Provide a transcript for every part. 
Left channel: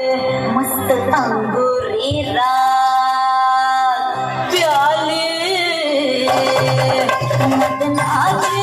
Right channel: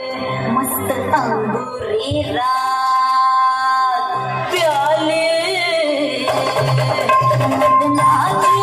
मस्त अंगुरी रात प्याले मदनाचे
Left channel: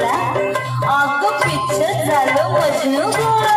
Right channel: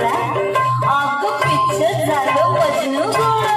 आपलं अग पिक्चर झालं मजनू घोडा